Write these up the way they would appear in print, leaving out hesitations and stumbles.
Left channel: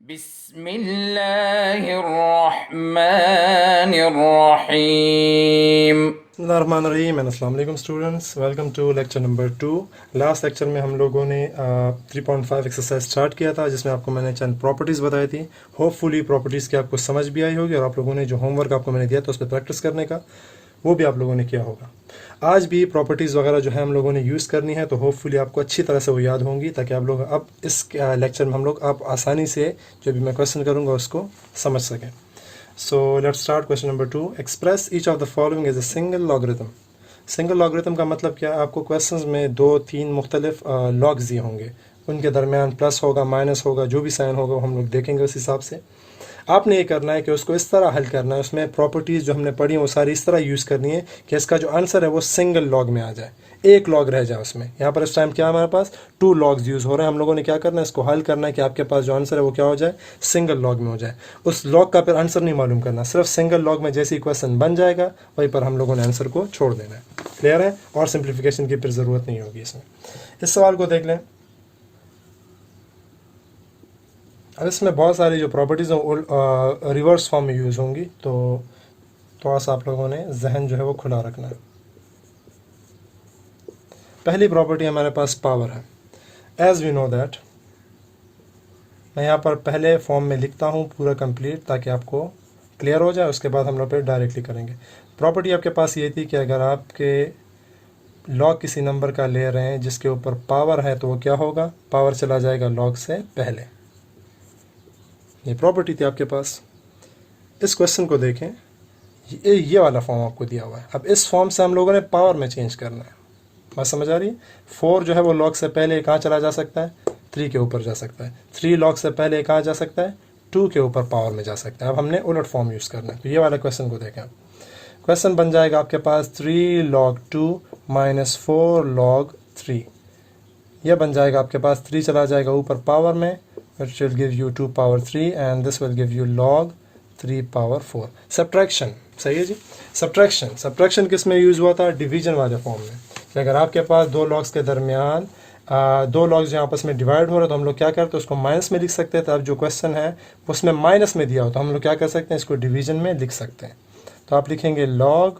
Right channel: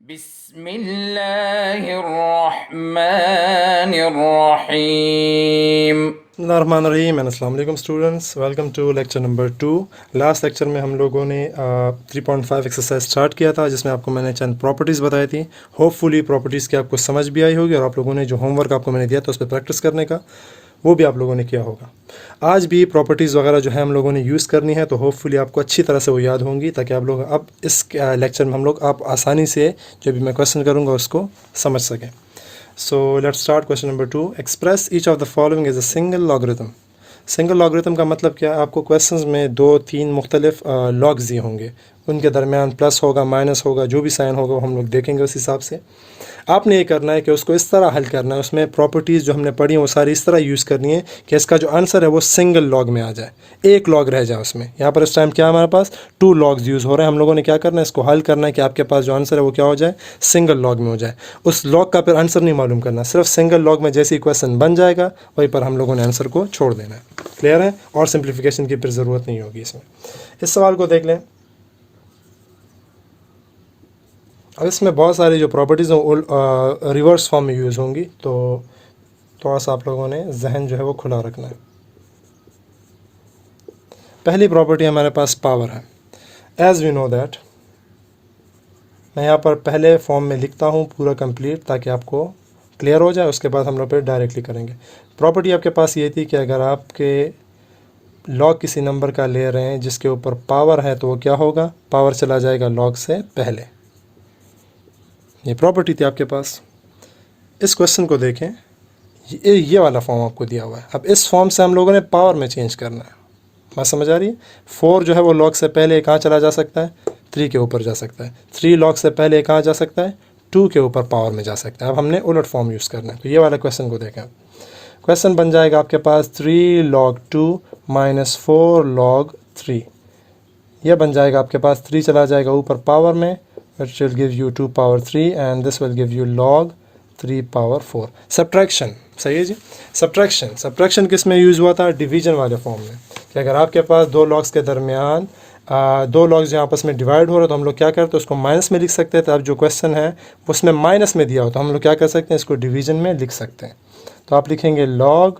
बिस्मिल्लाहिर्रहमानिर्रहीम। अस्सलाम वालेकुम students, welcome to lecture number 2। Last lecture में हम लोगों ने 3.5 एक्सरसाइज स्टार्ट किया था, जिसमें आपको मैंने चंद प्रॉपर्टीज़ बताई थी। होपफुली प्रॉपर्टीज़ की आपको समझ भी आई होगी और आप लोगों ने जो होमवर्क आपको मैंने दिया था उस पर प्रैक्टिस करने का, वो भी आप लोगों ने किया होगा। आज भी प्रॉपर्टीज़ वगैरह जो है हम लोगों ने यूज़ करनी है, तो होपफुली आपको अच्छी तरह से वो याद होंगी, ताकि आप लोग अब इस लेक्चर में हम लोग आप आसानी से जो भी मैं क्वेश्चन करूँगा उसको समझ सकें। So let's start question number 2. Express each of the following as a single logarithm. Single logarithm का मतलब क्या है? आपको क्वेश्चंस में दो तीन मुख्तलिफ लॉग्स दिए होंगे, उनके दरमियान प्लस होगा, माइनस होगा, जो भी साइन होगा हम लोग देखेंगे उस हिसाब से। आपने ये करना है कि उसको इस तरह हल करना है, उसमें प्रॉपर्टीज़ जो हमने पढ़ी हैं वो सारी इस तरह यूज़ करनी है कि इसका जो आंसर है वो सिंगल लॉग में आ जाए, एक लॉग रह जाए उसमें। यहाँ पर इस टाइम क्या हमारे पास 2 लॉग्स यूज़ हो रहे हैं। हम लोगों ने क्या करना है, इसको हल करना है कि आपके पास जो आंसर है वो क्या हो जाए, सिंगल लॉग में हो जाए। उस लॉग का फिर आंसर नहीं मालूम करना, सिर्फ सिंगल लॉग में जैसे ही क्वेश्चन बन जाएगा वहीं पर हम लोगों ने आंसर को छोड़ देना है। क्लियर है? और सिंप्लीफिकेशन की फिर ज़रूरत नहीं होगी इसमें। इस सवाल को देख लें। अब इसमें बहुत सारी जो प्रॉपर्टीज़ हैं रिवर्स फॉर्म में यूज़ होंगी, तो थोड़ा सा आप लोगों ने जहन जो है वो खुला रखना है। पहली प्रॉपर्टी हमारे पास पावर है। एज़ वी नो दैट, मैं यहाँ पर पहले फॉर्म में लिखता हूँ पूरा कंप्लीट, ताकि आपको क्लियर हो जाए। उसके बाद हम लोग फिर डायरेक्टली करेंगे। प्रॉपर्टी आपके पास ये थी कि अगर आपके लॉग किसी नंबर का ले रहे हैं जिसके ऊपर पावर है, तो वो क्या होगा, पावर चला जाएगा लॉग से पहले। ये प्रॉपर्टी थी आपके पास। इस क्वेश्चन को देखें, ये वाला फॉर्म आपको दिया हुआ है। अब इस फॉर्म से हम लोगों ने पावर में चेंज करना है। बात समझ आ रही है? 4 जो है वो लॉग से पहले कहाँ चला जा सकता है, 3 के ऊपर जा सकता है। 3 लॉग से पहले कहाँ जा सकता है, 2 के ऊपर पावर में जा सकता है। अब हमने उलट फॉर्म यूज़ करना है। तो ये वाला क्वेश्चन को देखें। क्वेश्चन बन जाएगा आपके पास 3 log 2 माइनस 4 log 3। यह बन जाएगा आपके पास, 3 चला जाएगा ऊपर पावर में, it will give you 2 power 3 and this will give you log 3 power 4। Subtraction, सही है जी। सब्ट्रैक्शन किस में यूज़ हुआ था? डिवीजन वाले फॉर्म में। कि अगर आपके पास दो लॉग्स के दरमियान दो लॉग्स जो आपस में डिवाइड हो रहे, तो हम लोग क्या करते हैं, उसको माइनस में लिख सकते हैं। तो अब जो क्वेश्चन है उसमें माइनस में दिया हो, तो हम लोग क्या कर सकते हैं, इसको डिवीजन में लिख सकते हैं। तो आप लिखेंगे log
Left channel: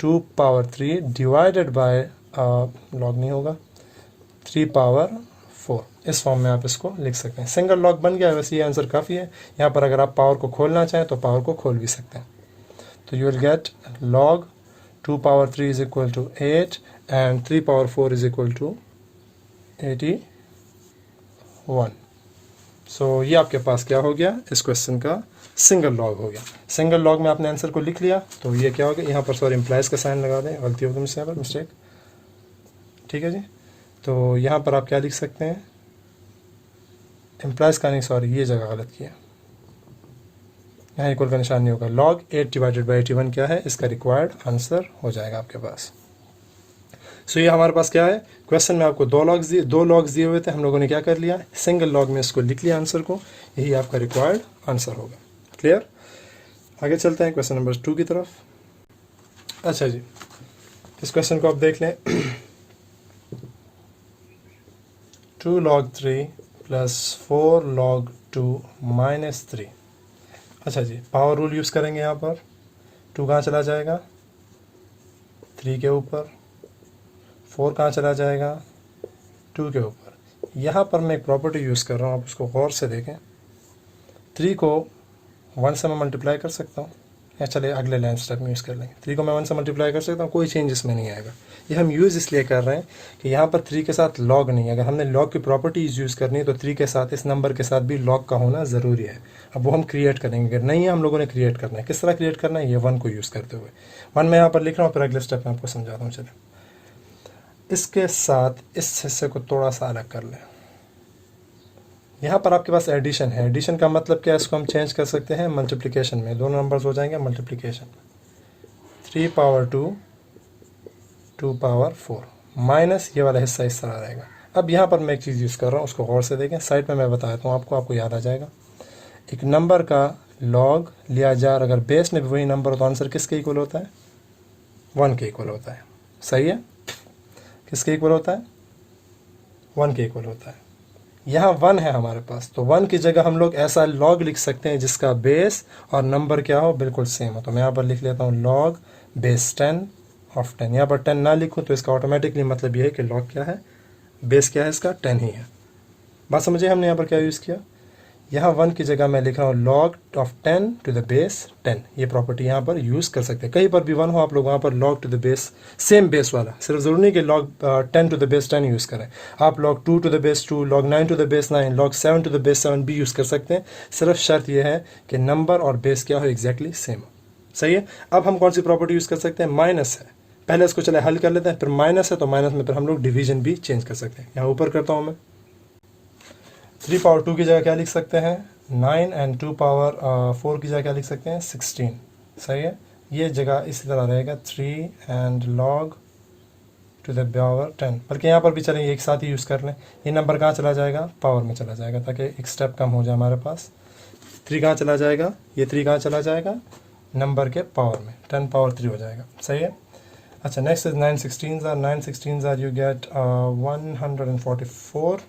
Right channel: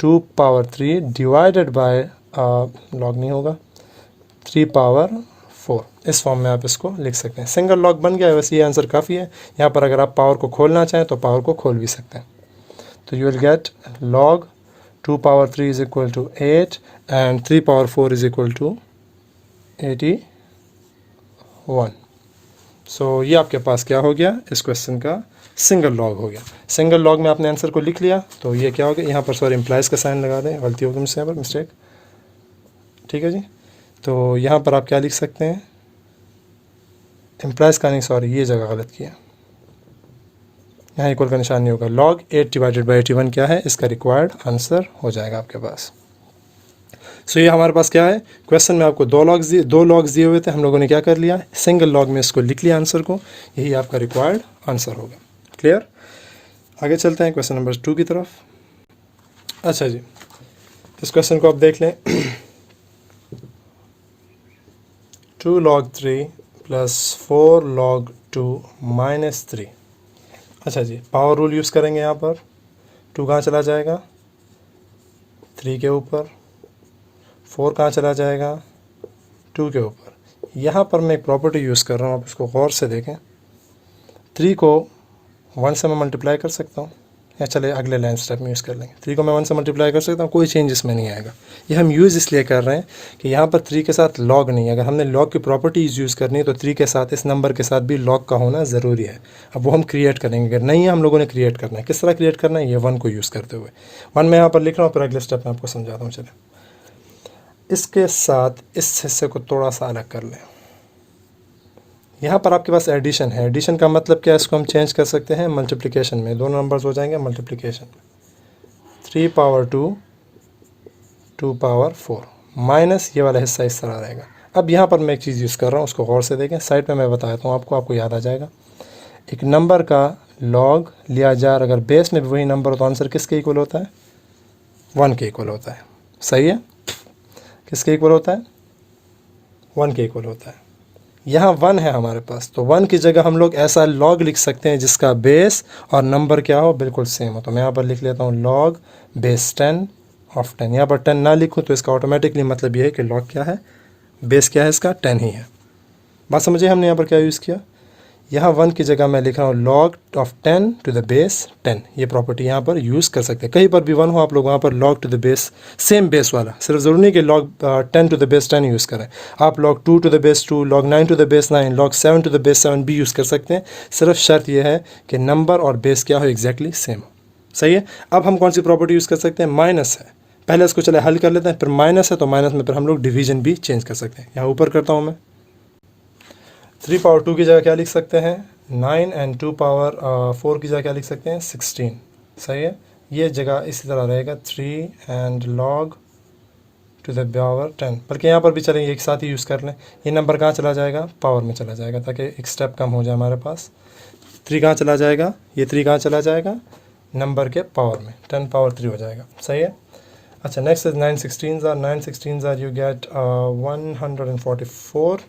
2 power 3 divided by, log नहीं होगा, 3 पावर 4। इस फॉर्म में आप इसको लिख सकते हैं। सिंगल लॉग बन गया है। वैसे ये आंसर काफ़ी है। यहाँ पर अगर आप पावर को खोलना चाहें तो पावर को खोल भी सकते हैं। तो you will get log 2 power 3 is equal to 8 and 3 power 4 is equal to 81। So ये आपके पास क्या हो गया, इस क्वेश्चन का सिंगल लॉग हो गया। सिंगल लॉग में आपने आंसर को लिख लिया, तो ये क्या हो गया, यहाँ पर सॉरी इम्प्लाइज का साइन लगा दें, गलती होगी मुझसे यहाँ पर, मिस्टेक। ठीक है जी। तो यहाँ पर आप क्या लिख सकते हैं, इम्प्लाइज का नहीं, सॉरी ये जगह गलत किया, यहाँ इक्वल का निशान नहीं होगा। log 8 डिवाइडेड बाई 81 क्या है, इसका रिक्वायर्ड आंसर हो जाएगा आपके पास। सो ये हमारे पास क्या है, क्वेश्चन में आपको दो लॉग्स दिए हुए थे, हम लोगों ने क्या कर लिया, सिंगल लॉग में इसको लिख लिया आंसर को। यही आपका रिक्वायर्ड आंसर होगा। क्लियर? आगे चलते हैं क्वेश्चन नंबर 2 की तरफ। अच्छा जी, इस क्वेश्चन को आप देख लें। 2 log 3 प्लस 4 log 2 माइनस 3। अच्छा जी, पावर रूल यूज़ करेंगे यहाँ पर। 2 कहाँ चला जाएगा, 3 के ऊपर। 4 कहाँ चला जाएगा, 2 के ऊपर। यहाँ पर मैं एक प्रॉपर्टी यूज़ कर रहा हूँ, आप इसको गौर से देखें। 3 को 1 से मैं मल्टीप्लाई कर सकता हूँ, या चले अगले लाइन स्टेप में यूज़ कर लेंगे। 3 को मैं 1 से मल्टीप्लाई कर सकता हूँ, कोई चेंज इसमें नहीं आएगा। ये हम यूज़ इसलिए कर रहे हैं कि यहाँ पर 3 के साथ लॉग नहीं है। अगर हमने लॉग की प्रॉपर्टीज़ यूज़ करनी है तो 3 के साथ, इस नंबर के साथ भी लॉग का होना ज़रूरी है। अब वो हम क्रिएट करेंगे, अगर नहीं है हम लोगों ने क्रिएट करना है। किस तरह क्रिएट करना है, ये 1 को यूज़ करते हुए। 1 मैं यहाँ पर लिख रहा हूँ, फिर अगले स्टेप में आपको समझाता हूँ। चले, इसके साथ इस हिस्से को थोड़ा सा अलग कर लें। यहाँ पर आपके पास एडिशन है। एडिशन का मतलब क्या है, इसको हम चेंज कर सकते हैं मल्टीप्लिकेशन में। दोनों नंबर्स हो जाएंगे मल्टीप्लिकेशन। 3 पावर 2 2 पावर 4 माइनस ये वाला हिस्सा इस तरह रहेगा। अब यहाँ पर मैं एक चीज़ यूज़ कर रहा हूँ, उसको गौर से देखें। साइड पे मैं बताता हूँ आपको याद आ जाएगा। एक नंबर का लॉग लिया जाए, अगर बेस में भी वही नंबर हो तो आंसर किसके इक्वल होता है, 1 के इक्वल होता है। सही है? किसके इक्वल होता है, 1 के इक्वल होता है। यहाँ 1 है हमारे पास, तो 1 की जगह हम लोग ऐसा लॉग लिख सकते हैं जिसका बेस और नंबर क्या हो, बिल्कुल सेम हो। तो मैं यहाँ पर लिख लेता हूँ लॉग बेस 10 ऑफ 10। यहाँ पर 10 ना लिखूँ तो इसका ऑटोमेटिकली मतलब ये है कि लॉग क्या है, बेस क्या है इसका, 10 ही है। बात समझिए हमने यहाँ पर क्या यूज़ किया। यहाँ 1 की जगह मैं लिख रहा हूँ log of 10 to the base 10। ये प्रॉपर्टी यहाँ पर यूज़ कर सकते हैं, कहीं पर भी 1 हो आप लोग वहाँ पर log to the base same base वाला, सिर्फ ज़रूरी नहीं कि log 10 to the base 10 use करें, आप log 2 to the base 2, log 9 to the base 9, log 7 to the base 7 भी यूज़ कर सकते हैं। सिर्फ शर्त यह है कि नंबर और बेस क्या हो, एग्जैक्टली सेम। सही है। अब हम कौन सी प्रॉपर्टी यूज़ कर सकते हैं, माइनस है। पहले इसको चले हल कर लेते हैं, फिर माइनस है तो माइनस में फिर हम लोग डिवीजन भी चेंज कर सकते हैं। यहाँ ऊपर करता हूँ मैं, 3 पावर 2 की जगह क्या लिख सकते हैं, 9 एंड 2 पावर 4 की जगह क्या लिख सकते हैं, 16। सही है। ये जगह इसी तरह रहेगा 3 and log to the power 10, बल्कि यहाँ पर भी चलेंगे एक साथ ही यूज़ कर लें। ये नंबर कहाँ चला जाएगा, पावर में चला जाएगा, ताकि एक स्टेप कम हो जाए हमारे पास। 3 कहाँ चला जाएगा, ये 3 कहाँ चला जाएगा, नंबर के पावर में, 10 पावर 3 हो जाएगा। सही है। अच्छा, next is 9 16 are you get 144,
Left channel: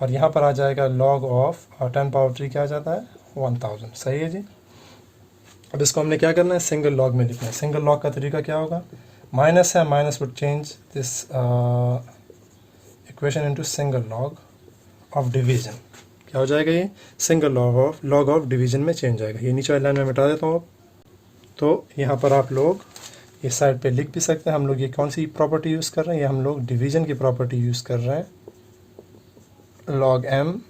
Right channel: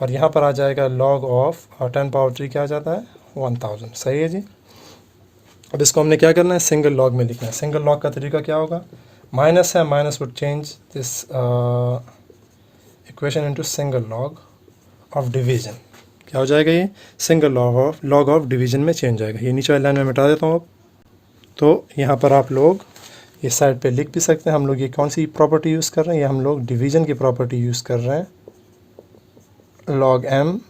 और यहाँ पर आ जाएगा log ऑफ 10 पावर 3 क्या आ जाता है, 1000। सही है जी। अब इसको हमने क्या करना है, सिंगल लॉग में लिखना है। सिंगल लॉग का तरीका क्या होगा, माइनस है, minus would change this equation into single log of division. क्या हो जाएगा, ये सिंगल लॉग ऑफ डिवीजन में चेंज जाएगा। ये नीचे वाली लाइन में मिटा देता हूँ अब। तो यहाँ पर आप लोग इस साइड पे लिख भी सकते हैं। हम लोग ये कौन सी प्रॉपर्टी यूज़ कर रहे हैं, ये हम लोग डिवीजन की प्रॉपर्टी यूज़ कर रहे हैं, log m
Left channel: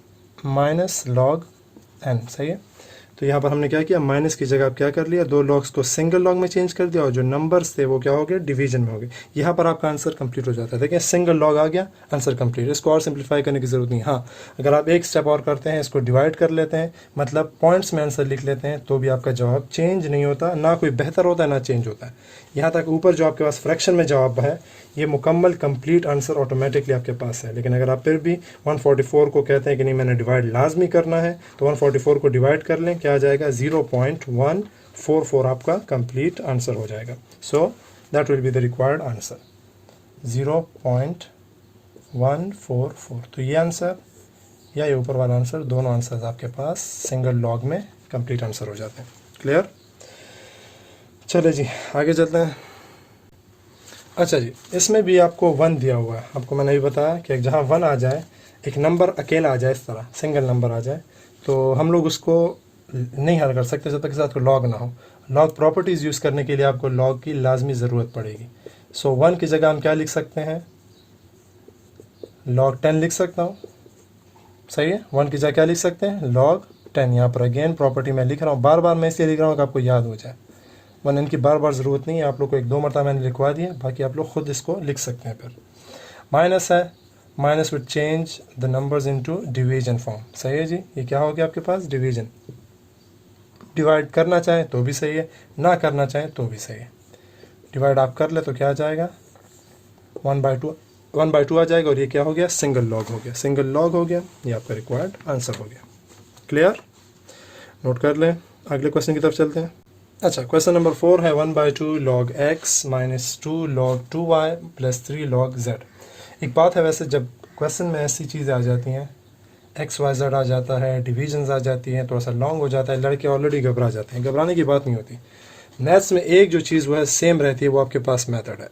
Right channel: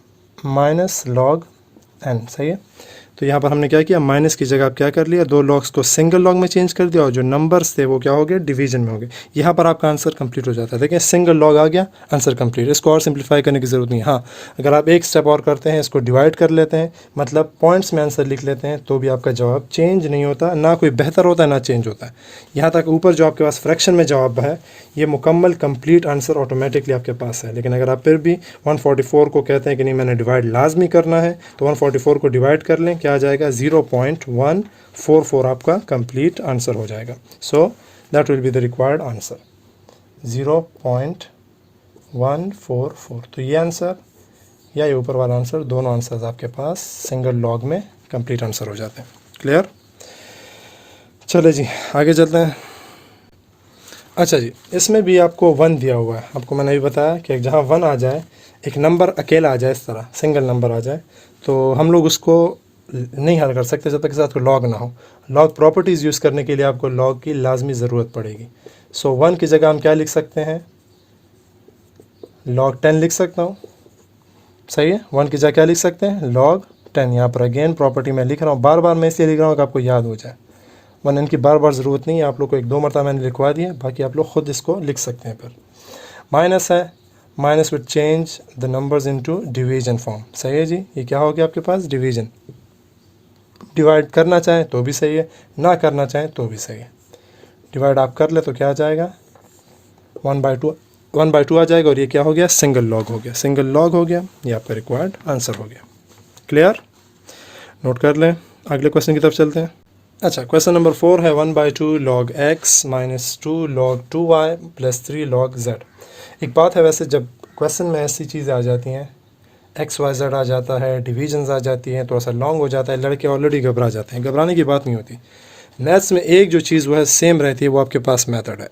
minus log n। सही है। तो यहाँ पर हमने क्या किया, माइनस की जगह आप क्या कर लिया, 2 लॉग्स को सिंगल लॉग में चेंज कर दिया, और जो नंबर्स थे वो क्या हो गए, डिवीजन में हो गए। यहाँ पर आपका आंसर कंप्लीट हो जाता है। देखिए सिंगल लॉग आ गया, आंसर कंप्लीट। इसको और सिंप्लीफाई करने की ज़रूरत नहीं। हाँ, अगर आप एक स्टेप और करते हैं, इसको डिवाइड कर लेते हैं, मतलब पॉइंट्स में आंसर लिख लेते हैं, तो भी आपका जवाब चेंज नहीं होता, ना कोई बेहतर होता है ना चेंज होता है। यहाँ तक ऊपर जो आपके पास फ्रैक्शन में जवाब है, ये मुकम्मल कंप्लीट आंसर ऑटोमेटिकली आपके पास है। लेकिन अगर आप फिर भी 144 को कहते हैं कि नहीं मैंने डिवाइड लाजमी करना है, तो 144 को डिवाइड कर लें, क्या आ जाएगा, 0.144 आपका कंप्लीट आंसर हो जाएगा। So that will be the required answer, 0.144। तो ये आंसर या ये ऊपर वाला आंसर, दोनों आंसर्स आपके पास सिंगल लॉग में कंप्लीट आंसर हो जाते हैं। क्लियर। चले जी आगे चलते हैं। अच्छा जी, इसमें भी आपको 1 दिया हुआ है। आपको मैंने भी बताया कि जहाँ 1 आ जाए, एक नंबर अकेला आ जाए, इस तरह सिंगल नंबर आ जाए, तो हम लोग उसको नहीं हल कर सकते जब तक के साथ कोई लॉग ना हो। लॉग प्रॉपर्टीज़ यूज़ करने के लिए आपको लॉग की लाजमी ज़रूरत पड़ेगी। सो 1 की जगह हम क्या लिख सकते हैं, log 10 लिख सकता हूँ। सही है। 1 की जगह क्या लिख सकते हैं, log 10। यहाँ पर अगेन प्रॉपर्टी मैं लिख रहा हूँ, बार बार मैं इसलिए लिख रहा हूँ कि आपको याद हो जाए, वरना इनकी बार बार ज़रूरत नहीं है। आप लोग को 1-2 मरतबा मैंने लिखवा दिया, बाकी आप लोग खुद इसको लिख सकते हैं। फिर माइनस है, minus with change the numbers into division form. सही है जी। ये क्या हो गया आपके पास, डिवीजन। डिवाइड करना चाहें तो भी सही है, ना करना चाहें तो भी सही है। डिवाइड आप कर ले तो क्या आ जाएगा, 1/2 आ जाएगा, और ये क्या हो गया, सिंगल लॉग हो गया। सिंगल लॉग हो गया, ये आपका रिक्वायर्ड आंसर हो गया। क्लियर, नोट कर लें। अगले क्वेश्चन की तरफ चलते हैं। अच्छा, क्वेश्चन नंबर 4 है 1/2 log x minus 2 log 2y plus 3 log z। एक बात है, वैसे जब क्वेश्चन में ऐसी चीज़ें आ जाती हैं, एक्स वाई जेड आ जाता है, डिवीजन्स आ जाती हैं, थोड़ा सा लॉन्ग हो जाता है, लड़के ऑलरेडी घबरा जाते हैं। घबराने की बात नहीं होती। मैथ्स में एक जो चीज़ वो है सेम रहती है, वो आपके पास मेथड है।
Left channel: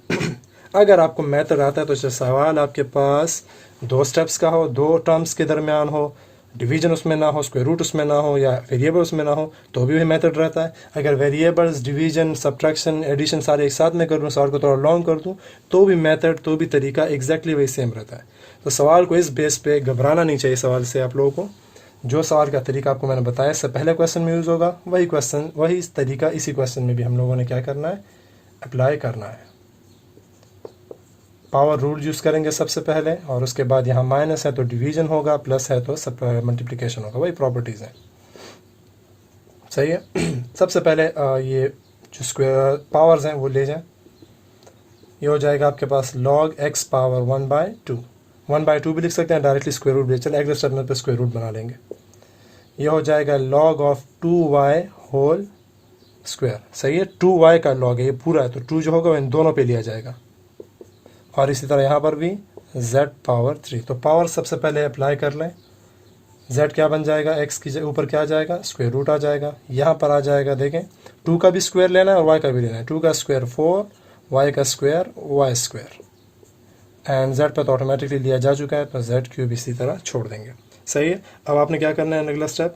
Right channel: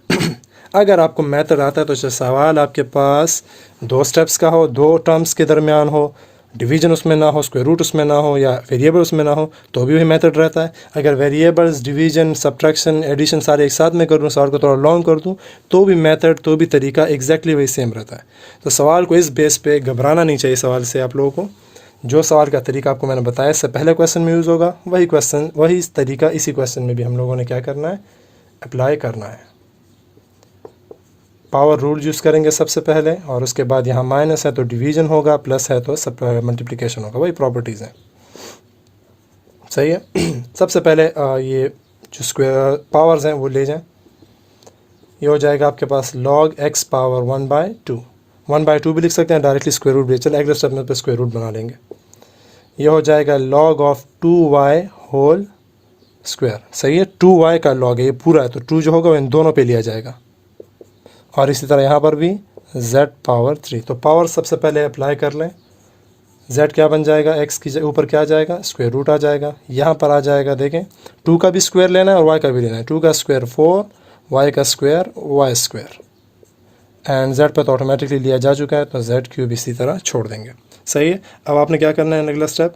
अगर आपको मेथड आता है तो सवाल आपके पास 2 स्टेप्स का हो, 2 टर्म्स के दरमियान हो, डिवीजन उसमें ना हो, स्क्वायर रूट उसमें ना हो, या वेरिएबल उसमें ना हो, तो भी वही मेथड रहता है। अगर वेरिएबल्स, डिवीजन, सब्ट्रैक्शन, एडिशन सारे एक साथ में कर दूँ, सवाल को थोड़ा लॉन्ग कर दूँ, तो भी मेथड, तो भी तरीका एग्जैक्टली वही सेम रहता है। तो सवाल को इस बेस पे घबराना नहीं चाहिए। सवाल से आप लोगों को जो सवाल का तरीका आपको मैंने बताया, इससे पहले क्वेश्चन में यूज़ होगा, वही तरीका इसी क्वेश्चन में भी हम लोगों ने क्या करना है, अप्लाई करना है। पावर रूल यूज़ करेंगे सबसे पहले, और उसके बाद यहाँ माइनस है तो डिवीजन होगा, प्लस है तो सब मल्टीप्लिकेशन होगा। वही प्रॉपर्टीज़ हैं। सही है। सबसे पहले ये जो स्क्वायर पावर्स हैं वो ले जाएं। ये हो जाएगा आपके पास log x पावर 1/2। 1/2 भी लिख सकते हैं, डायरेक्टली स्क्वायर रूट भी। चलो अगले स्टेप में पे स्क्वायर रूट बना लेंगे। ये हो जाएगा log of 2y whole square. सही है। 2y का log है, ये पूरा है, तो 2 जो होगा वो इन दोनों पे लिया जाएगा। और इसी तरह यहाँ पर भी z पावर 3। तो पावर सबसे पहले अप्लाई कर लें। z क्या बन जाएगा, x की ऊपर क्या आ जाएगा, स्क्वायर रूट आ जाएगा। यहाँ पर आ जाएगा, देखें 2 का भी स्क्वायर लेना है और y का भी लेना है। 2 का स्क्वायर 4, y का square y square, and z पर तो ऑटोमेटिकली लिया जा चुका है, तो z क्यूब इसी तरह छोड़ देंगे। सही है। अब आपने क्या करना है, अगला स्टेप,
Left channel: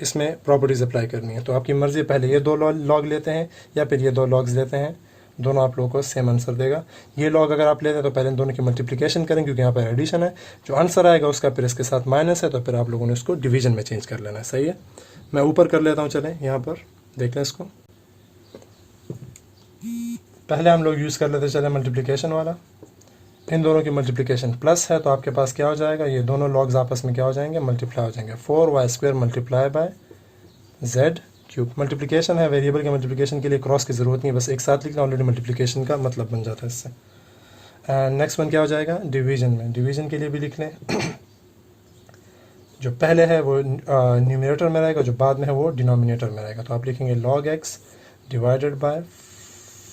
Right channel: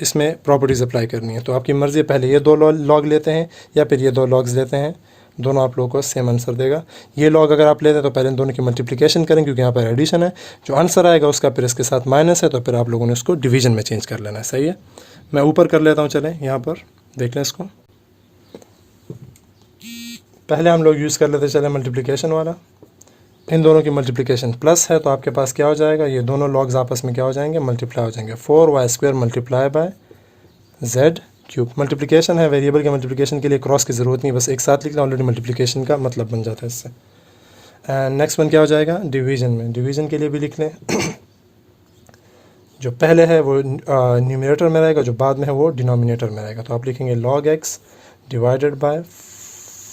इसमें प्रॉपर्टीज़ अप्लाई करनी है। तो आपकी मर्ज़ी है, पहले ये 2 लॉग लेते हैं या फिर ये 2 लॉग्स लेते हैं, दोनों आप लोगों को सेम आंसर देगा। ये लॉग अगर आप लेते हैं तो पहले इन दोनों की मल्टीप्लिकेशन करें, क्योंकि यहाँ पर एडिशन है। जो आंसर आएगा उसका फिर इसके साथ माइनस है, तो फिर आप लोगों ने उसको डिवीजन में चेंज कर लेना है। सही है। मैं ऊपर कर लेता हूँ, चलें यहाँ पर देख लें इसको। पहले हम लोग यूज़ कर लेते चले मल्टीप्लिकेशन वाला। इन दोनों की मल्टीप्लिकेशन प्लस है, तो आपके पास क्या हो जाएगा, ये दोनों लॉग्स आपस में क्या हो जाएंगे, मल्टीप्लाई हो जाएंगे। 4y square multiply by z cube. Multiplication है, वेरिएबल के मल्टीप्लिकेशन के लिए क्रॉस की ज़रूरत नहीं, बस एक साथ लिखना, ऑलरेडी मल्टीप्लिकेशन का मतलब बन जाता है इससे। एंड नेक्स्ट वन क्या हो जाएगा, डिवीजन में। डिवीजन के लिए भी लिख लें। जो पहले है वो न्यूमरेटर में रहेगा, जो बाद में है वो डिनोमिनेटर में रहेगा। तो आप लिखेंगे log x divided by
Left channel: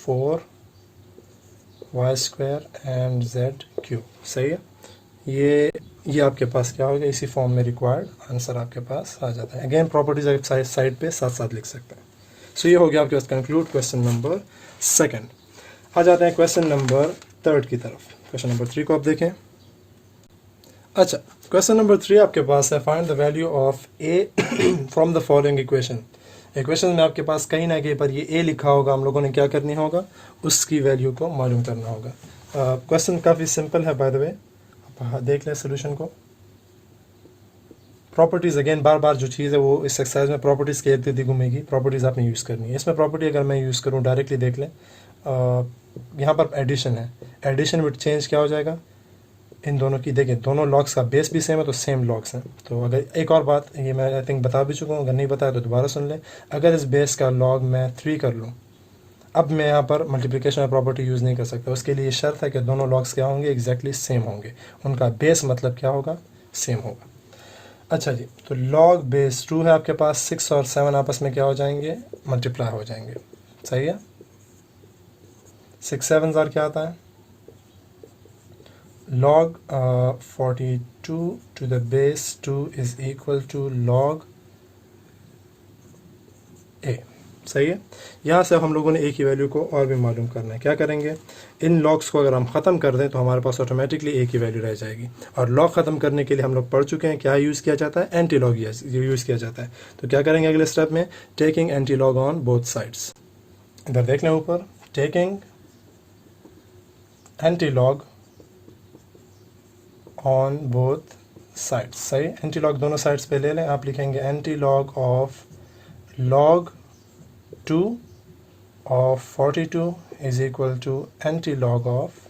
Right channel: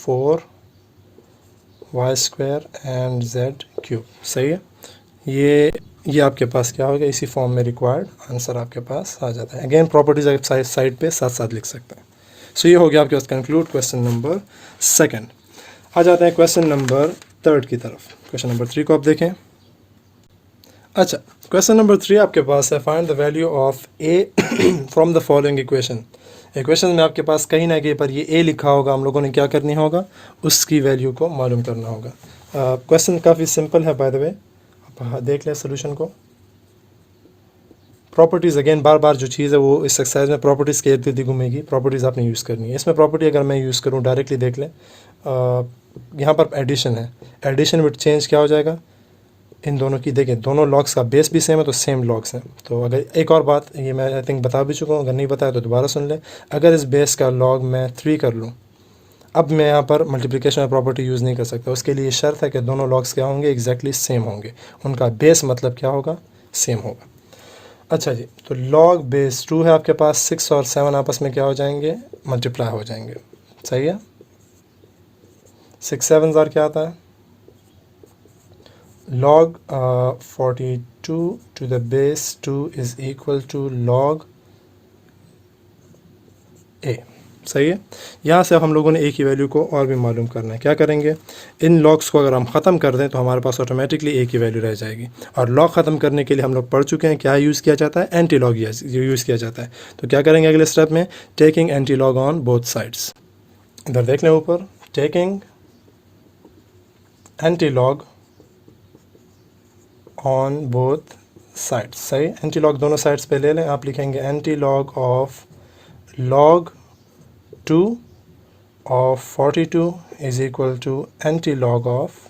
4y square and z cube. सही है। ये आपके पास क्या होगा, इसी फॉर्म में रिक्वायर्ड आंसर आपके पास आ जाता है। अगेन प्रॉपर्टीज आप साइड पे साथ साथ लिख सकते हैं। सो ये हो गया आपके पास कंक्लूड क्वेश्चन नंबर 2। आ जाते हैं क्वेश्चन नंबर 3 की तरफ। क्वेश्चन नंबर 3 को आप देखें। अच्छा, क्वेश्चन नंबर 3 आपके पास है, find the value of a from the following equation. Equation में आपके पास कहीं ना कहीं पर ये a लिखा होगा, हम लोगों ने क्या करनी होगा, उसकी वैल्यू को मालूम करना होगा। क्वेश्चन काफ़ी सिंपल है बाय द वे, आप देख लें सोल्यूशन को। प्रॉपर्टीज़ अगेन बार बार जो चीज़ है वो इस एक्सरसाइज में प्रॉपर्टीज़ के इर्द गिर्द घूमेगी। प्रॉपर्टीज़ आपने यूज़ करनी है। इसमें प्रॉपर्टी अगर मैं यूज़ करूँ डायरेक्टली, देख लें यहाँ पर एडिशन है, एडिशन विद चेंज क्या हो जाएगा, इन दोनों की देखें, दोनों लॉग्स का बेस भी सेम है, तो सेम लॉग्स हैं। तो अगर एक और बात, ये मैं आई थिंक बता भी चुका हूँ, अगर नहीं बताया तो दोबारा सुन लें। अगर इस बेस का लॉग मैं 3 कर लूँ, अब मैं यहाँ पर मल्टीप्लिकेशन प्रॉपर्टी यूज़ नहीं कर सकता। उसके लिए शर्त है कि दोनों लॉग्स क्या होंगे, एग्जैक्टली सेम होंगे, उनका बेस मतलब क्या होगा, सेम होगा। अच्छा जी, तो लॉग बेस 2 है आपके पास, 6 और 7 आपस में क्या हो जाएंगे, मल्टीप्लाई हो जाएंगे। सही है। 6 7 और क्या आता है, log 42 to the base 2 is equal to log a। सही है। यहाँ से हम लोगों ने a की वैल्यू को और भी मालूम करना है। क्या करेंगे, इन लॉग्स को अगर हम ख़त्म कर दें तो हमारे पास ऑटोमेटिकली a की वैल्यू रह जाएगी। और लॉग ख़त्म करने के लिए हम लोग पढ़ चुके हैं, क्या यूज़ किया जाता है, एंटी लॉग यूज़ किया जाता है। तो क्या करेंगे अगले स्टेप में, taking anti log on both sides. इधर देख लें ऊपर, taking anti log on both sides. सही, एंटी लॉग दोनों साइड्स पे ले लें। आप लिखेंगे anti log of log 2 of 42 is equal to anti log of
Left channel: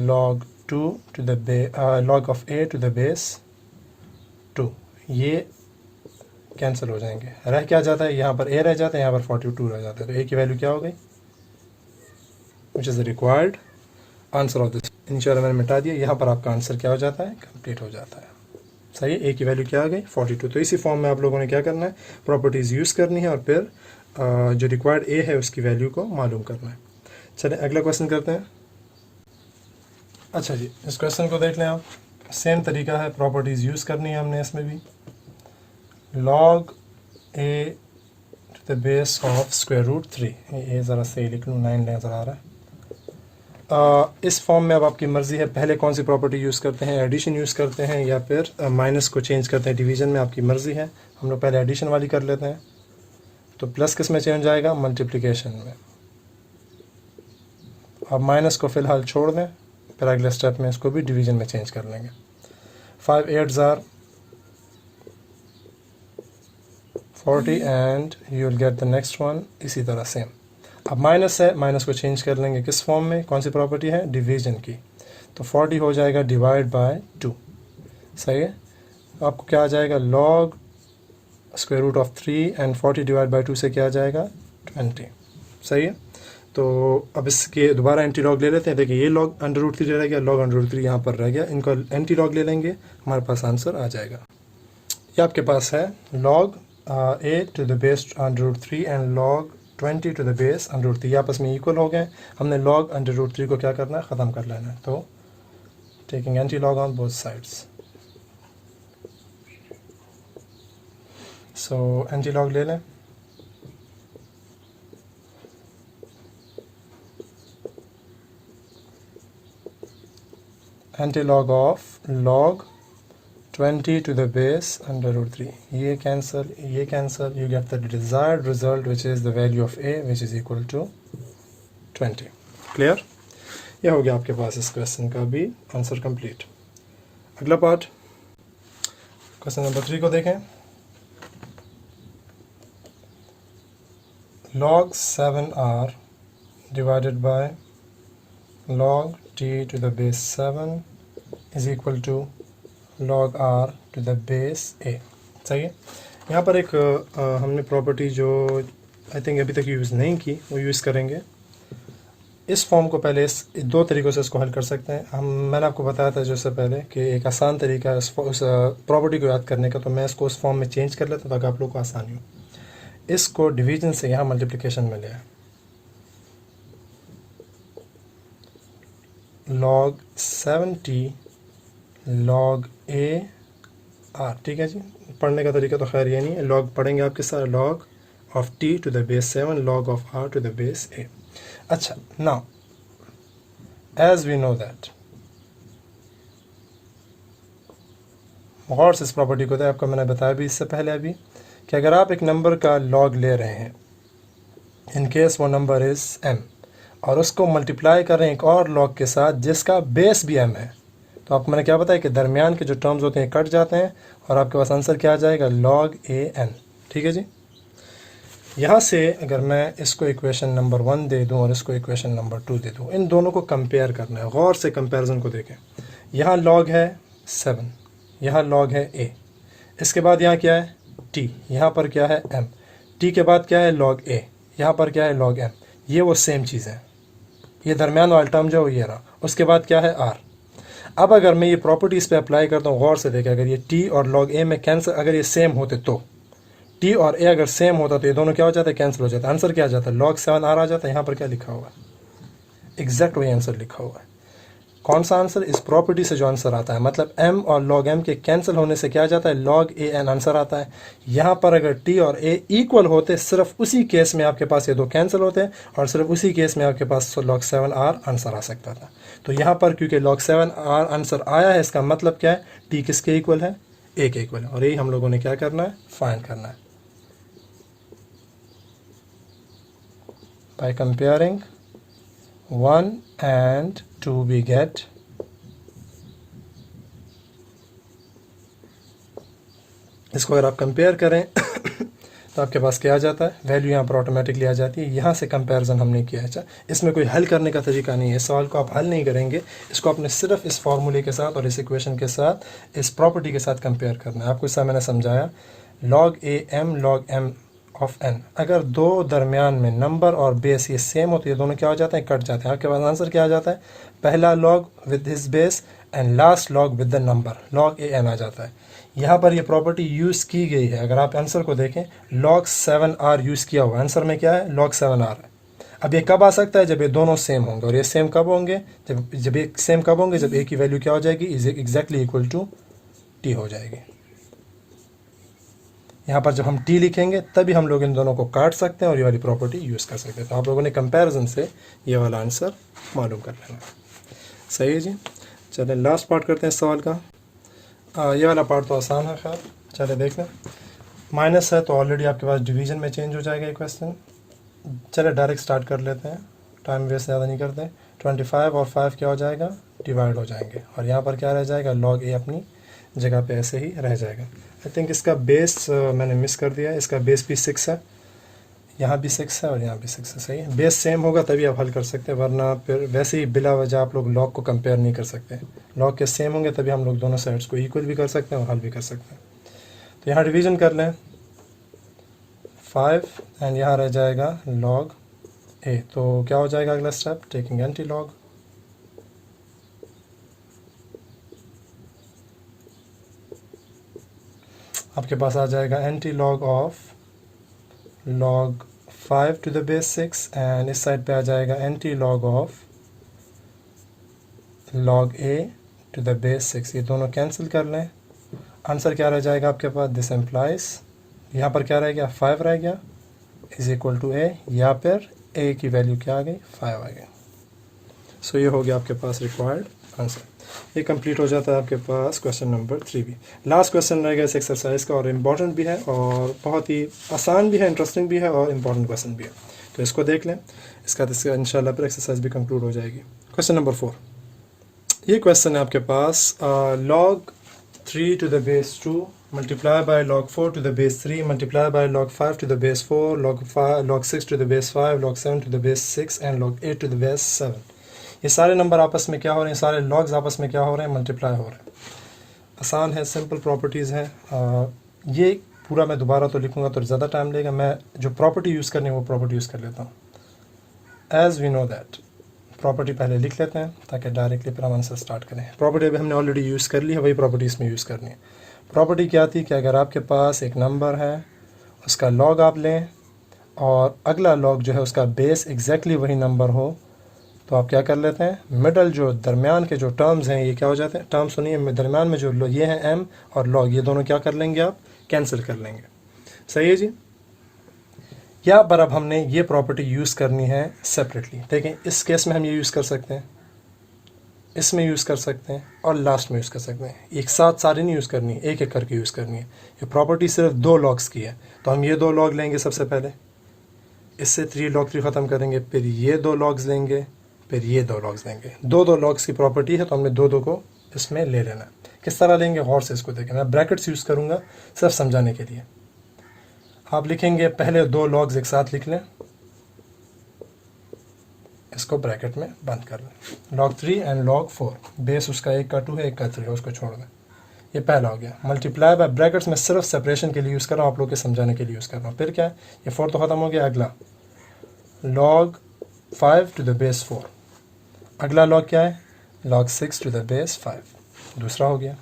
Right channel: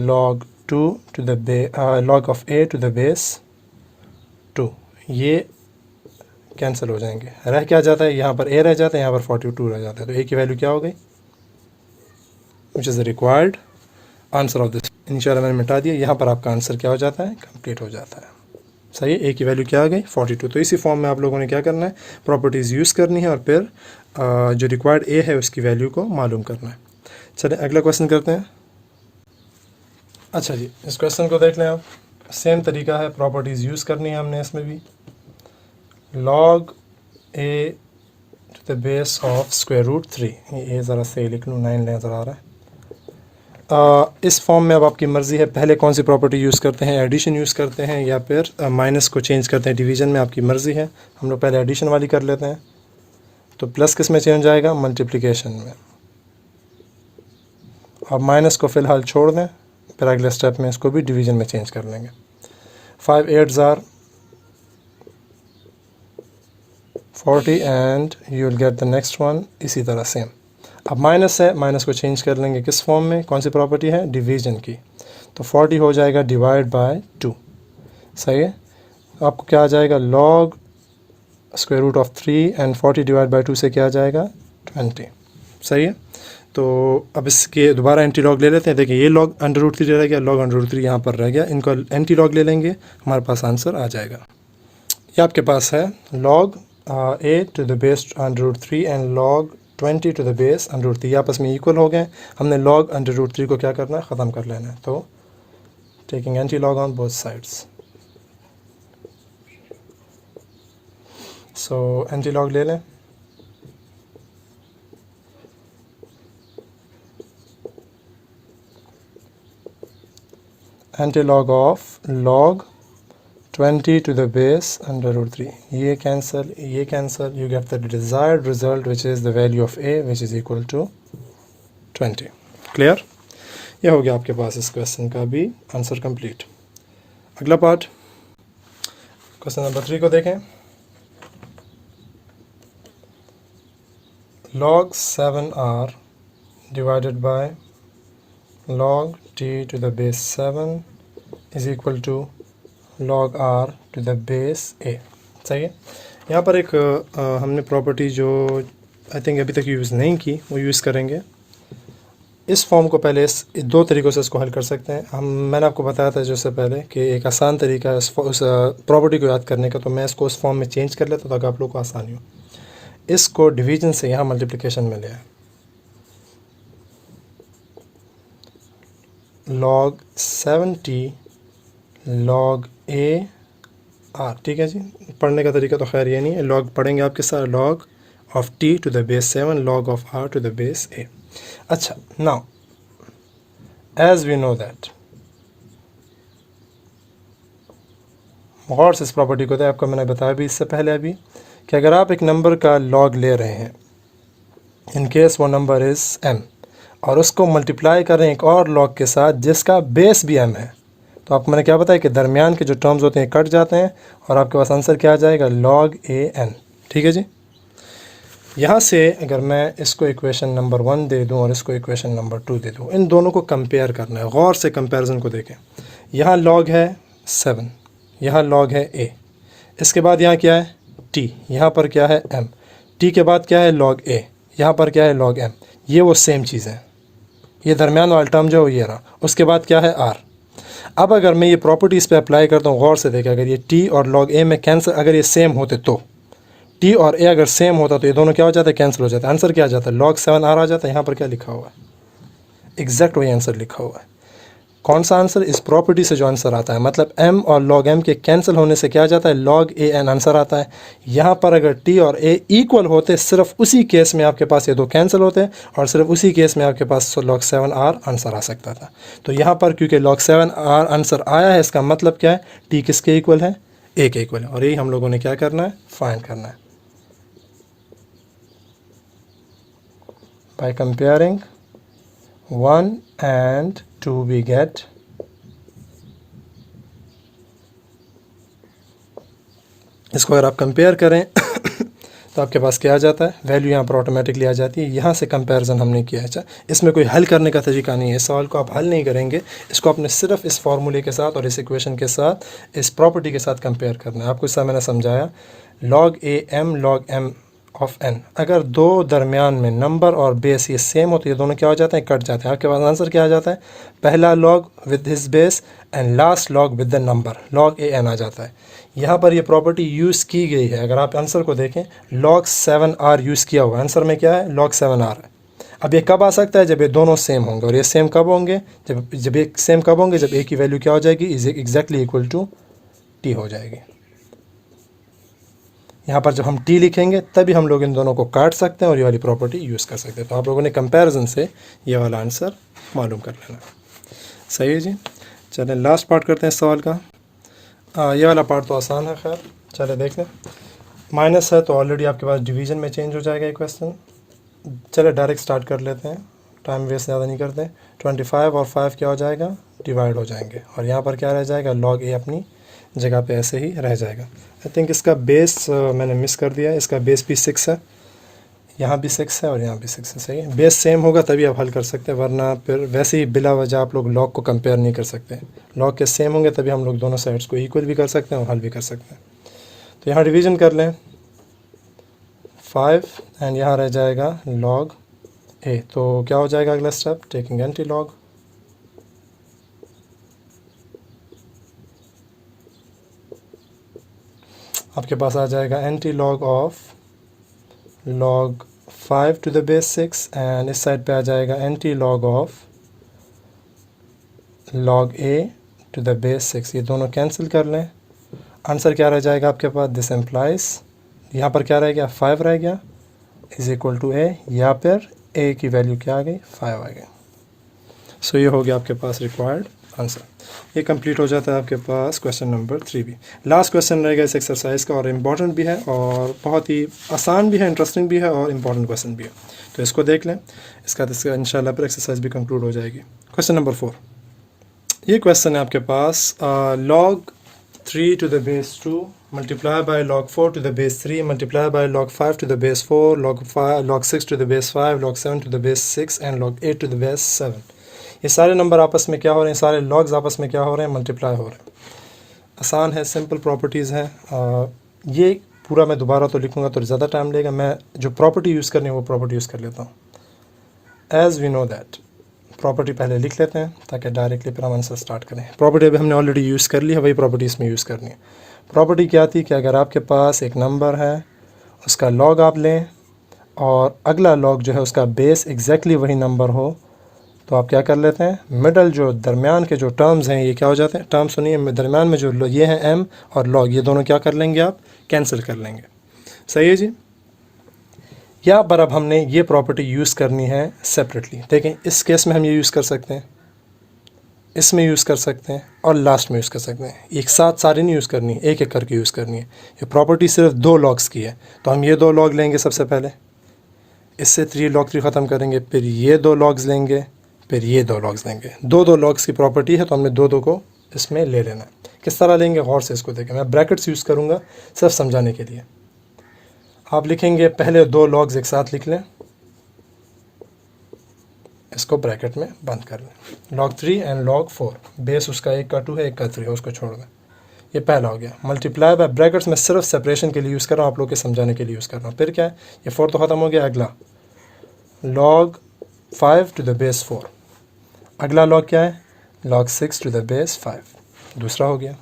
log 2 to the log of a to the base 2। ये कैंसिल हो जाएंगे, रह क्या जाता है, यहाँ पर a रह जाता है, यहाँ पर 42 रह जाता है। तो a की वैल्यू क्या हो गई, which is the required answer of this. इंशाल्लाह मैंने मिटा दिया, यहाँ पर आपका आंसर क्या हो जाता है, कंप्लीट हो जाता है। सही है। ए की वैल्यू क्या आ गई, 42। तो इसी फॉर्म में आप लोगों ने क्या करना है, प्रॉपर्टीज़ यूज़ करनी है और फिर जो रिक्वायर्ड ए है उसकी वैल्यू को मालूम करना है। चलिए अगला क्वेश्चन करते हैं। अच्छा जी, इस क्वेश्चन को देख लें आप, सेम तरीका है, प्रॉपर्टीज़ यूज़ करनी है हमने इसमें भी। log a to the base of square root 3, ये ज़रा सही लिख लूँ, 9 नज़र आ रहा है। इस फॉर्म में अब आपकी मर्ज़ी है, पहले कौन सी प्रॉपर्टी यूज़ करते हैं, एडिशन यूज़ करते हैं या फिर माइनस को चेंज करते हैं डिवीज़न में, आपकी मर्ज़ी है। हम लोग पहले एडिशन वाली कर लेते हैं। तो प्लस किस में चेंज आएगा, मल्टीप्लिकेशन में, और माइनस को फ़िलहाल छोड़ दें, फिर अगले स्टेप में इसको भी डिवीज़न में चेंज कर लेंगे। 5 8s are 40 and you will get the next one इसी तरह सेम। अब माइनस है, माइनस को चेंज कर लेंगे किस फॉर्म में, कौन सी प्रॉपर्टी है, डिवीज़न की। तो 40 हो जाएगा डिवाइड बाय 2। सही है। आपको क्या आ जाएगा, log square root of 3 and 40 divide by 2 से क्या आ जाएगा, 20। सही है। तो अब इसके दोबारा एंटी लॉग ले लेते हैं। देखिए ये लॉग अंडर रूट 3 रह गया, लॉग अंडर रूट 3 यहाँ पर रह गया, इनको एंटी लॉग ले लेंगे, हमारे पास आंसर आ जाएगा। ये आपके पास है log a to the base under root 3 and log 20 to the base √3, ये आपस में इक्वल हो गए। हमने log √3 को क्या करना है, ख़त्म कर लेना है। तो taking anti log on both sides, so anti log ले लें। Anti log of log 20 to the base under √3, ये cancel, you get the desired result which is the value of a which is equal to 20। Clear? ये हो गया आपके पास इस question का भी आंसर कंप्लीट। अगला पार्ट, क्वेश्चन नंबर 3 को देखें। log 7r divided by log t to the base 7 is equal to log r to the base a। सही है। यहाँ पर एक हमने प्रॉपर्टी जो आई थिंक अभी तक यूज़ नहीं की वो यूज़ करेंगे। इस फॉर्म को पहले इस 2 तरीक़ों से इसको हल कर सकते हैं। मैंने आपको बताया था जो इससे पहले कि एक आसान तरीका है उस प्रॉपर्टी को याद करने का, तो मैं इसको उस फॉर्म में चेंज कर लेता ताकि आप लोग को आसानी हो। इसको डिवीजन से यहाँ मल्टीप्लिकेशन में ले आए, log 7t log a r, ठीक है जी। पढ़ने का तरीका तो खैर ये नहीं है, log पढ़ेंगे आपके साथ, log of t to the base 7 log of r to the base a। अच्छा, now as we know that, गौर से इस प्रॉपर्टी को, आपको मैंने बताया भी इससे पहले अभी कि अगर आप एक नंबर का log ले रहे हैं, इन केस वो नंबर इज़ m, और उसको मल्टीप्लाई कर रहे हैं एक और log के साथ जिसका बेस भी m है, तो आपको मैंने क्या बताया कि दरमियान के जो टर्म्स होते हैं कट जाते हैं और आपके पास आंसर क्या आ जाएगा, log a n। ठीक है जी। यहाँ से अगर मैं इसको इक्वेशन नंबर 1 दे दूँ और इसको इक्वेशन नंबर 2 दे दूँ, इन दोनों को कंपेयर करना है। गौर से कंपैरिजन को देखें। यहाँ log है 7, यहाँ log है a, इसके बाद यहाँ क्या है t, यहाँ पर क्या है m, t के बाद क्या है log a, यहाँ पर क्या है log m। ये वो सेम चीज़ है, ये दरमियान वाला टर्म जो ये रहा, उसके बाद क्या है r। अब अगर मैं ये प्रॉपर्टी इस पे अप्लाई करता हूँ, गौर से देखें, अगर ये t और log a में कैंसिल, अगर ये सेम होते तो t और a अगर सेम होता तो ये दोनों क्या हो जाता है, कैंसिल हो जाता है। आंसर क्या आ जाता है, log 7r आ जाता है। यहाँ पर क्या लिखा हुआ है, एग्जैक्ट वही आंसर लिखा हुआ है। कौन सा आंसर, इस प्रॉपर्टी से जो आंसर आता है, मतलब m और log m के कैंसिल होने से क्या आ जाता है, log a n आंसर आता है। यहाँ पर अगर t और a इक्वल होते, सिर्फ उसी केस में आपके पास ये दो कैंसिल होते और सिर्फ उसी केस में आपके पास log 7r आंसर आ सकता था। तो यहाँ पर क्योंकि log 7r आंसर आया है, इसका मतलब क्या है, t किसके इक्वल है, a के इक्वल है, और यही हम लोगों ने क्या करना है, फाइंड करना है। By comparing 1 and 2 we get इसको अगर आप कंपेयर करें तो आपके पास क्या आ जाता है, वैल्यू यहाँ पर ऑटोमेटिकली आ जाती है। यहाँ से कंपैरिजन हमने किया है। अच्छा, इसमें कोई हल करने का तरीका नहीं है, इस सवाल को आप हल नहीं करेंगे, इसको आपने सिर्फ इस फार्मूले के साथ और इस इक्वेशन के साथ, इस प्रॉपर्टी के साथ कंपेयर करना है। आपको इससे मैंने समझाया, log a m log m of n, अगर दो दरमियान में नंबर और बेस ये सेम हो तो ये दोनों क्या हो जाते हैं, कट जाते हैं। आपके पास आंसर क्या आ जाता है, पहला log with his base and last log with the number, log a n आ जाता है। यहाँ पर ये प्रॉपर्टी यूज़ की गई है। अगर आप आंसर को देखें, log 7r यूज़ किया हुआ, आंसर में क्या है, log 7r है। अब ये कब आ सकता है, जब ये दोनों सेम होंगे, और ये सेम कब होंगे, जब ये सेम कब होंगे, जब a की वैल्यू क्या हो जाएगी, is exactly equal to t हो जाएगी। यहाँ पर जब हम t लिखेंगे तभी हम लोग इन दोनों को काट सकते हैं और ये वाली प्रॉपर्टी यूज़ कर सकते हैं। तो आप लोगों ने कंपैरिजन से ये वाला आंसर मालूम कर लेना। सही है जी। चलें लास्ट पार्ट करते हैं इस सवाल का। ये वाला पार्ट तो आसान है, खैर चले देख लें। माइनस है तो ऑलरेडी आपके पास डिवीज़न में चेंज हो जाएगा ये क्वेश्चन। चले डायरेक्ट स्टार्ट कर लेते हैं, टाइम वेस्ट ज़्यादा नहीं करते। 25 और 5 क्या हो जाएगा, डिवाइड हो जाएंगे, और यहाँ पर क्या रह जाएगा, log a अपनी जगह पे ऐसे ही रह जाएगा। आई थिंक इसका बेस मैंने मिस कर दिया है, इसका बेस भी 6 है, यहाँ भी 6 है और यहाँ भी 6 है। सही है, बेस सेम होगा तभी आप हल कर सकते हैं, वरना फिर वैसे ही बिला वजह आप लोग log को कंपेयर नहीं कर सकते। log के सेम होंगे तभी हम लोग दोनों साइड्स को इक्वल भी कर सकते हैं और हल भी कर सकते हैं। तो यहाँ डिवीज़न कर लें 5 एंड यहाँ रह जाएगा log a। तो क्या हो जाएगा अगला स्टेप, टेकिंग एंटी लॉग, आपके पास आ जाएगा anti log of log 5 to the base 6 and इस साइड पे आ जाएगा anti log of log A to the base 6। ये दोनों कैंसिल कर लें, आंसर क्या रह जाएगा आपके पास? दिस एम्प्लाइज, यहाँ पर क्या रह गया? 5 रह गया, इज इक्वल टू ए, यहाँ पर ए की वैल्यू क्या आ गई? 5 आ गई। सो ये हो गया आपके पास रिक्वायर्ड आंसर। ये कंप्लीट हो जाता है आपके पास क्वेश्चन नंबर 3 भी। लास्ट क्वेश्चन रहेगा इस एक्सरसाइज का और इम्पॉर्टेंट भी है और बहुत ही आसान भी है, इंटरेस्टिंग भी है और इम्पॉर्टेंट क्वेश्चन भी है, तो इसको देख लें। इसका इंशाल्लाह पर एक्सरसाइज भी कंक्लूड हो जाएगी। क्वेश्चन नंबर 4, ये क्वेश्चन है आपके पास log 3 to the base 2 multiply by log 4 to the base 3 multiply by log 5 to the base 4 log 6 to the base 5 log 7 to the base 6 and log 8 to the base 7। ये सारे number आपस में क्या हो रहे हैं? सारे लॉग्स आपस में क्या हो रहे हैं? मल्टीप्लाई हो रहे हैं। आसान है, सिंपल प्रॉपर्टीज़ हैं। ये पूरा मैं दोबारा तो लिखूँगा तो ज़्यादा टाइम लगेगा, मैं जो प्रॉपर्टी यूज़ करनी है वो प्रॉपर्टी यूज़ कर लेता हूँ। As we know that, property पहले लिख लेते हैं ताकि डायरेक्टली फिर हम आंसर स्टार्ट करें। प्रॉपर्टी अभी हमने ऑलरेडी यूज़ कर ली है, वही प्रॉपर्टी इसमें यूज़ करनी है। प्रॉपर्टी क्या थी कि अगर आपके पास एक नंबर है, उसका लॉग आप लें और अगला लॉग जो है उसका बेस एग्जैक्टली वही नंबर हो, तो आप क्या कर लेते हैं? मिडल जो दरमियान के जो टर्म्स हैं ये क्या हो जाते हैं? टर्म सुनिए, दरमियान में जो ये हैं एम और लॉग, ये दोनों क्या कर लेंगे? आप कैंसिल कर लेंगे। सही है जी। या पर अब हमने ये प्रॉपर्टी यूज़ करनी है सेपरेटली। देखें, इस केस में हम ये यूज़ कर सकते हैं, इसमें यूज़ कर सकते हैं और लास्ट में यूज़ कर सकते हैं। एक साथ सारी नहीं यूज़ करनी, एक एक करके यूज़ करनी है। ये प्रॉपर्टी सिर्फ 2 लॉग्स की है, तो हम ये 2 लॉग लेंगे सबसे पहले, इससे 3 log 3 ख़त्म करेंगे, फिर ये 2 लॉग्स लेंगे, फिर ये 2 लॉग्स लेंगे। 2 लॉग्स की प्रॉपर्टी है तो हमने 2 को इसमें ले लेना है। किस तरह लेंगे? गौर से इसको देखें, मैं ब्रैकेट्स यूज़ करूँगा सिर्फ समझाने के लिए। आप लिखेंगे पहले 2 लॉग्स एक साथ लिख लें, इसको ब्रैकेट में बंद कर लें। log 3 एंड log 4, बेस उसका 1 का 2 है, 1 का 3 है, उसको छोड़ दें। ये पहला हो गया। मल्टीप्लाई बाय, ब्रैकेट्स में सिर्फ सेपरेशन के लिए यूज़ कर रहा हूँ, आप लोग के समझाने के लिए यूज़ कर रहा हूँ। फिर क्या है? ये 4 तो ख़त्म हो गया। अगला log 5 टू द बेस 4, अगला लॉग क्या है? log 6 टू द बेस 5, दूसरा हो गया।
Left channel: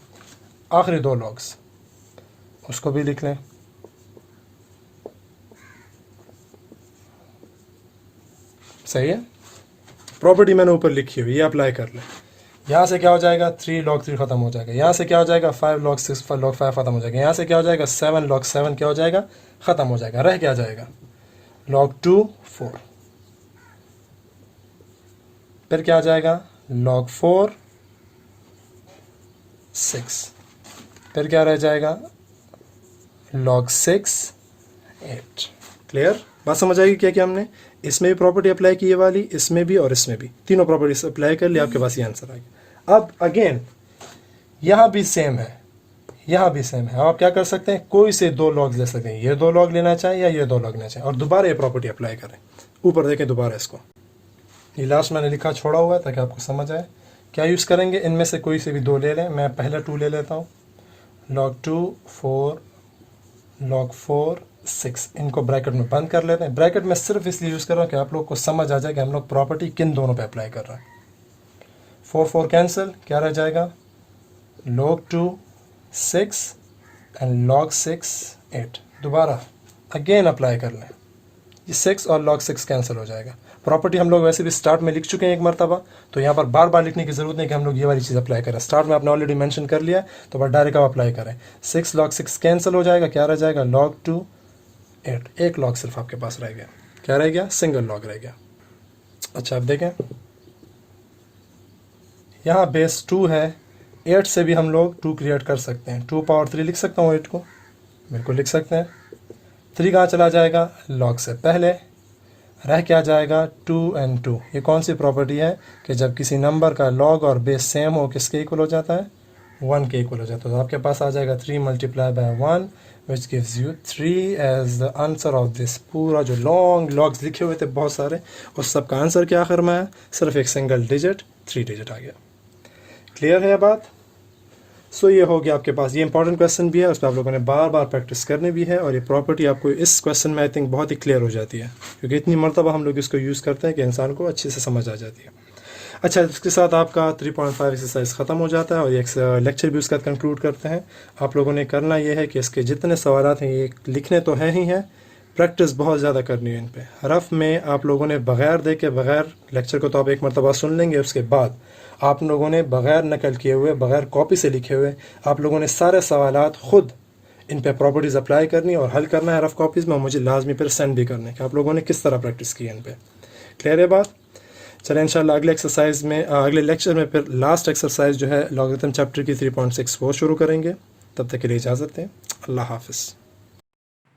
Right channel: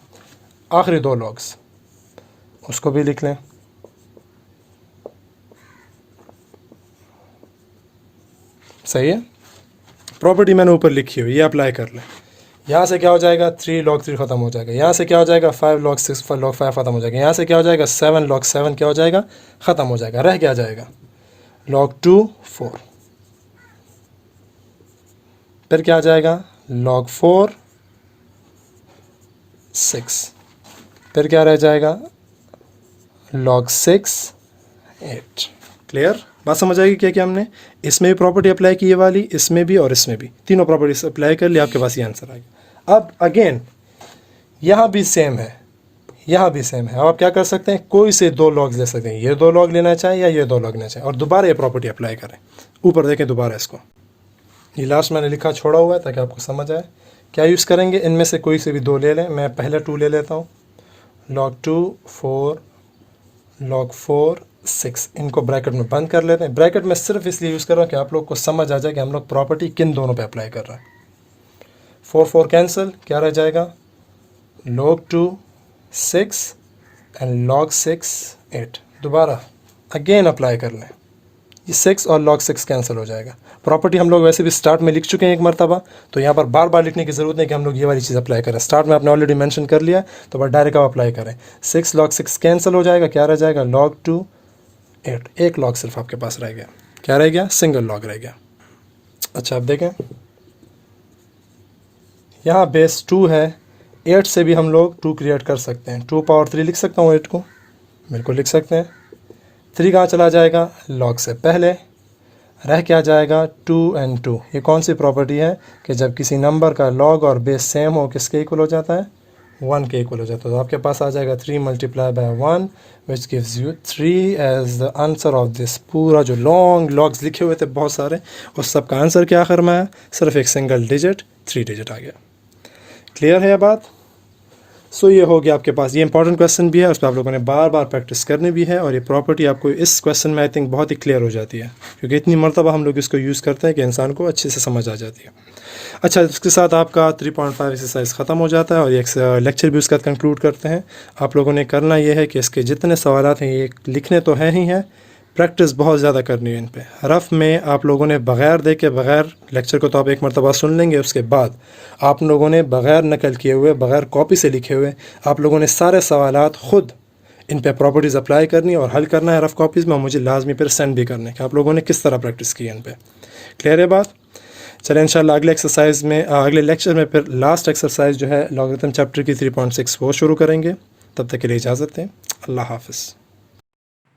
आखिरी 2 लॉग्स उसको भी लिख लें। सही है। प्रॉपर्टी मैंने ऊपर लिखी हुई, ये अप्लाई कर लें। यहाँ से क्या हो जाएगा? 3 log 3 ख़त्म हो जाएगा। यहाँ से क्या हो जाएगा? 5 log 6 log 5 ख़त्म हो जाएगा। यहाँ से क्या हो जाएगा? 7 log 7 क्या हो जाएगा? ख़त्म हो जाएगा। रह क्या जाएगा? log 2 4, फिर क्या आ जाएगा? log 4 6, फिर क्या रह जाएगा? log 6 8। क्लियर? बात समझ आएगी क्या? हमने इसमें भी प्रॉपर्टी अप्लाई की, ये वाली, इसमें भी और इसमें भी, तीनों प्रॉपर्टीज अप्लाई कर लिया, आपके पास ये आंसर आएगा। अब अगेन यहाँ भी सेम है, यहाँ भी सेम है। आप क्या कर सकते हैं? कोई से 2 लॉग्स ले सकते हैं, ये 2 लॉग लेना चाहें या ये 2 लॉग लेना चाहें, और दोबारा ये प्रॉपर्टी अप्लाई करें। ऊपर देखें दोबारा इसको, ये लास्ट मैंने लिखा छोड़ा हुआ है ताकि आपको समझ आए। क्या यूज़ करेंगे? इनमें से कोई से भी 2 ले लें। मैं पहले 2 ले लेता हूँ, log 2 4 log 4 6, इनको ब्रैकेट में बंद कर लेते हैं। ब्रैकेट में सिर्फ इसलिए यूज़ कर रहा हूँ कि आप लोग को समझ आ जाए कि हम लोग प्रॉपर्टी किन दोनों पे अप्लाई कर रहे हैं। 4 4 कैंसिल, क्या रह जाएगा? log 2 6 and log 6 8। दोबारा अगेन अप्लाई कर लें, ये 6 और log 6 कैंसिल हो जाएगा। प्रॉपर्टी हम लोग वैसे भी स्टार्ट में लिख चुके हैं एक मरतबा, तो यहाँ पर बार बार लिखने की ज़रूरत नहीं कि हम लोग ये वाली चीज़ अप्लाई करें। स्टार्ट में आपने ऑलरेडी मेंशन कर लिया, तो बस डायरेक्ट आप अप्लाई करें। 6 log 6 कैंसिल हो जाएगा, क्या रह जाएगा? log 2 8, एक लॉग सिर्फ आपके पास रह गया। क्या रह गया? सिंगल लॉग रह गया। अच्छा, अब देखें, यहाँ बेस 2 है, 8 से भी हम लोग 2 क्रिएट कर सकते हैं। 2 पावर 3 लिख सकता हूँ 8 को, बिल्कुल लिख सकते हैं। 3 कहाँ चला जाएगा? लॉग से पहले रह क्या जाएगा? 2 and 2। ये कौन सी प्रॉपर्टी है कि जब किसी नंबर का लॉग और बेस सेम हो, किसके इक्वल हो जाता है? 1 के इक्वल हो जाता है। तो आपके पास आ जाएगा 3 multiplied by 1 which gives you 3 as the answer of this। पूरा जो लॉन्ग लॉग्स लिखे हुए थे बहुत सारे, उस सब का आंसर क्या आखिर में है? सिर्फ एक सिंगल डिजिट 3 डिजिट आ गया। क्लियर है ये बात? सो ये हो गया आपके पास। ये इंपॉर्टेंट क्वेश्चन भी है, उस पर आप लोगों ने बार बार प्रैक्टिस करनी भी है, और ये प्रॉपर्टी आपको इस क्वेश्चन में आई थिंक बहुत ही क्लियर हो जाती है, क्योंकि इतनी मरतबा हम लोग इसको यूज़ करते हैं कि इंसान को अच्छे से समझ आ जाती है। अच्छा, इसके साथ आपका 3.5 एक्सरसाइज ख़त्म हो जाता है और ये लेक्चर भी उसके साथ कंक्लूड करते हैं। आप लोगों ने करना ये है कि इसके जितने सवाल हैं ये लिखने तो हैं ही हैं, प्रैक्टिस बहुत ज़्यादा करनी है इन पे। रफ़ में आप लोगों ने बग़ैर देखे, बग़ैर लेक्चर को तो आप एक मरतबा सुन लेंगे, उसके बाद आप लोगों ने बग़ैर नकल किए हुए, बग़ैर कॉपी से लिखे हुए, आप लोगों ने सारे सवालात ख़ुद इन पे प्रॉपर्टीज़ अप्लाई करनी और हल करना है रफ़ कॉपीज़ में, मुझे लाजमी फिर सेंड भी करने कि आप लोगों ने किस तरह प्रैक्टिस की है इन पे। क्लियर है बात? चलें इंशाल्लाह अगले एक्सरसाइज में, अगले लेक्चर में फिर लास्ट एक्सरसाइज जो है लॉगरिथम चैप्टर की 3.6 वो शुरू करेंगे। तब तक के लिए इजाज़त दें। अल्लाह हाफ़िज़।